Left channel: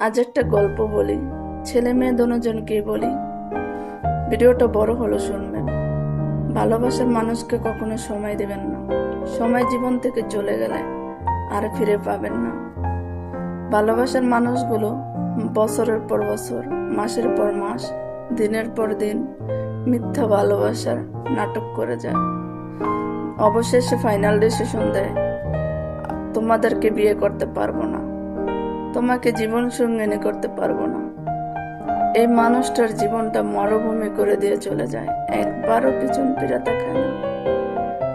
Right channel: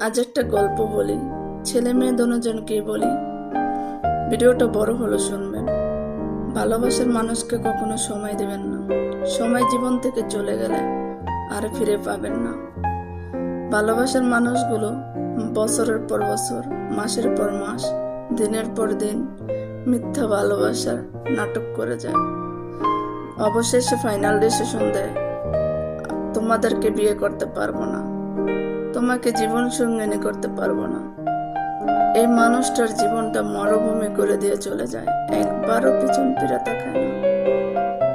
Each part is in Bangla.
আজ একটা গল্প বলি, ছেলে মেয়ে দুজনকেই বলি। ভিডিওটা বড় হলো শুনবেন। ভালোবাসার মানুষকে কখনো সময় দেবেন না। সময় জীবন থেকে চলে গেলে আর ফিরে পাবেন না। ভালোবাসার মানুষগুলো বছরের পর বছর, মাসের পর মাস, দিনের পর দিন মিথ্যা ভালোবাসার নাটক করে যায়। অবশেষে ফাইনাল ডিসিশন দেয়, তোমাদেরকে বিয়ে করতে পারব না। তোমাকে জীবন সঙ্গিনী করতে পারব না। এই মানুষটার জীবনটা মরুভূমি করে দিয়ে চলে যায়। একবারও পিছন ফিরে তাকায় না।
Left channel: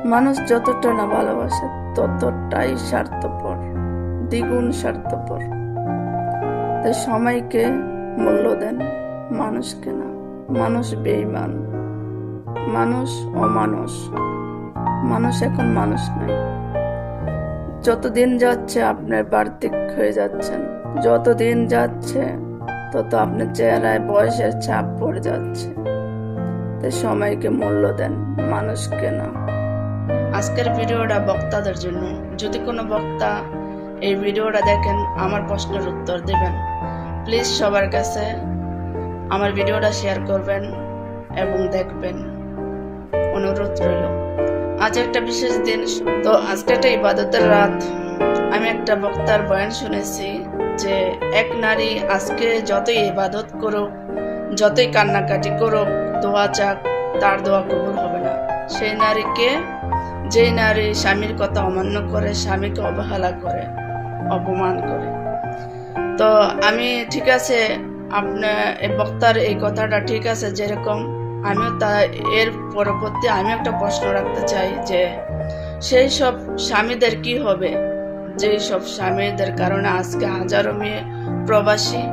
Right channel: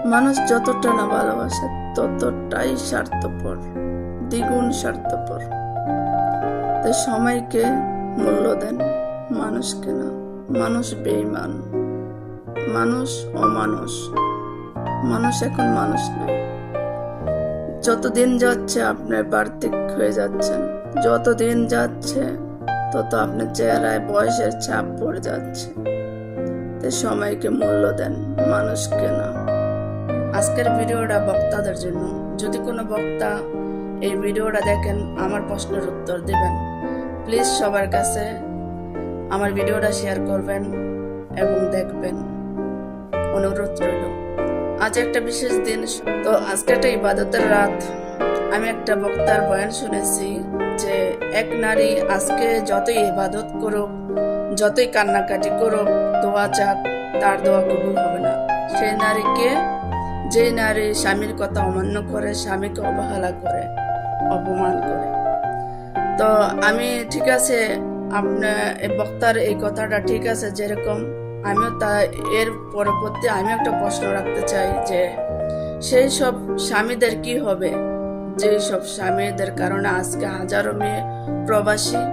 মানুষ যতটা না ভালোবাসে, ততটাই স্বার্থপর, দ্বিগুণ স্বার্থপর। তাই সময়কে মূল্য দেন, মানুষকে না। মানুষ বেইমান মানুষ অমানুষ। মানুষ এখন মানুষ নাই। যত দিন যাচ্ছে আপনার বার্তিক হয়ে যাচ্ছেন যত দিন যাচ্ছে তত আপনার চেহারায় বয়সের ছাপ পড়ে যাচ্ছে। তাই সময়কে মূল্য দেন, মানুষকে না। আজকের ভিডিওটা বক্তাদের জন্য। যদি কোনো বক্তা এই ভিডিওটা দেখেন, আমার প্রশ্নের উত্তর দেবেন। প্লিজ সবার কাছে আমার ভিডিওটা শেয়ার করবেন এবং দেখবেন। অনুরোধ রইল। আজ একটা বিশেষ দিন, তো আজকে একটা ইবাদতের রাত। আমি একটা বক্তার বয়ান শুনেছি যে, এক নারী আজকে যতই ইবাদত করুক, যতই কান্নাকাটি করুক, দোয়া চাক, তার দোয়া কবুল হবে না। সেই নারীকে, যেই নারী স্বামীর কথা অমান্য করে, স্বামীকে অবহেলা করে, অপমান করে। তো আমি ঠিক আছে আপনার বক্তার এই কথাটা ঠিক আছে যেরকম আমিও তা এর পরবর্তী আমি একটা প্রশ্ন রাখতে চাই যে, সেই সব স্বামীদের কি হবে? যেই সব স্বামীদের কারণে আজকে হাজারো মেয়ে প্রবাসী,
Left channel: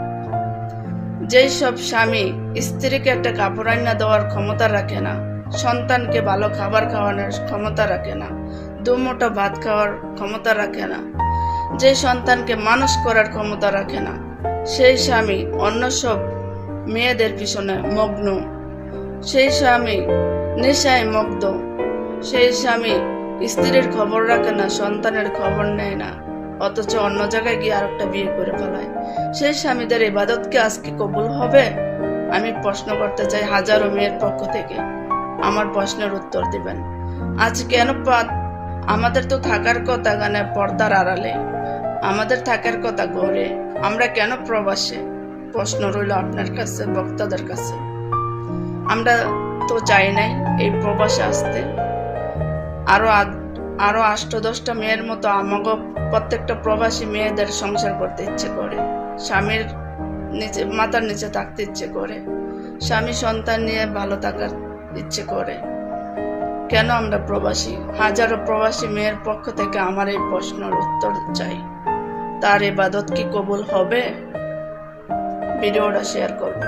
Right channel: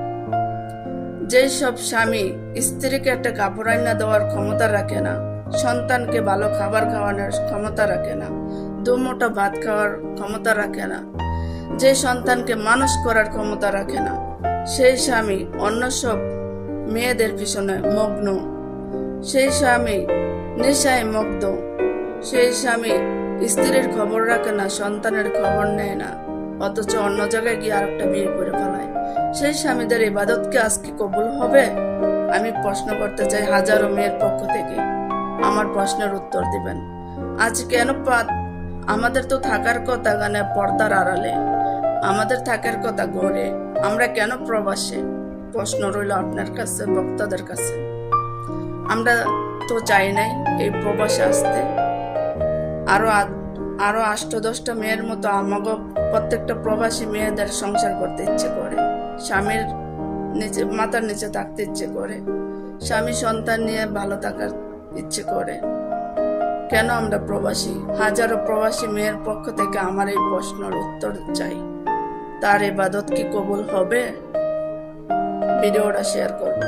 যেই সব স্বামী স্ত্রীকে একটা কাপড় আইনা দেওয়ার ক্ষমতা রাখে না, সন্তানকে ভালো খাবার খাওয়ানোর ক্ষমতা রাখে না দুমোটা ভাত খাওয়ার ক্ষমতা রাখে না যে সন্তানকে মানুষ করার ক্ষমতা রাখে না, সেই স্বামী অন্য সব মেয়েদের পিছনে মগ্ন সেই স্বামী নেশায় মগ্ধ। সেই স্বামী স্ত্রীর খবর রাখে না, সন্তানের খবর নেয় না। অথচ অন্য জায়গায় গিয়ে আরেকটা বিয়ে করে ফেলায়। সেই স্বামীদের ইবাদতকে আজকে কবুল হবে? আমি প্রশ্ন করতে চাই হাজারো মেয়ের পক্ষ থেকে। আমার প্রশ্নের উত্তর দিবেন। আজ কেন পা- আমাদের তো থাকার কথা গানে পর্দার আড়ালে। আমাদের থাকার কথা ঘরে আমরা কেন প্রবাসে? প্রশ্ন রইল আপনার কাছে, বক্তাদের কাছে। আমরা তো চাই নাই এই প্রবাসে আসতে। আরও আদ- আরও আষ্ট দশটা মেয়ের মতো আমাকে প্রত্যেকটা প্রবাসী মেয়েদের সংসার করতে ইচ্ছে করে। স্বামীর নিচে মাথার নিচে থাকতে ইচ্ছে করে। স্বামী সন্তান নিয়ে ভালো থাকার ইচ্ছে করে। কেন আমরা প্রবাসী? হাজারো প্রবাসী মেয়ের পক্ষ থেকে আমার এই প্রশ্নের উত্তর চাই। তার ইবাদত কি কবুল হবে? ভিডিওটা শেয়ার করবেন।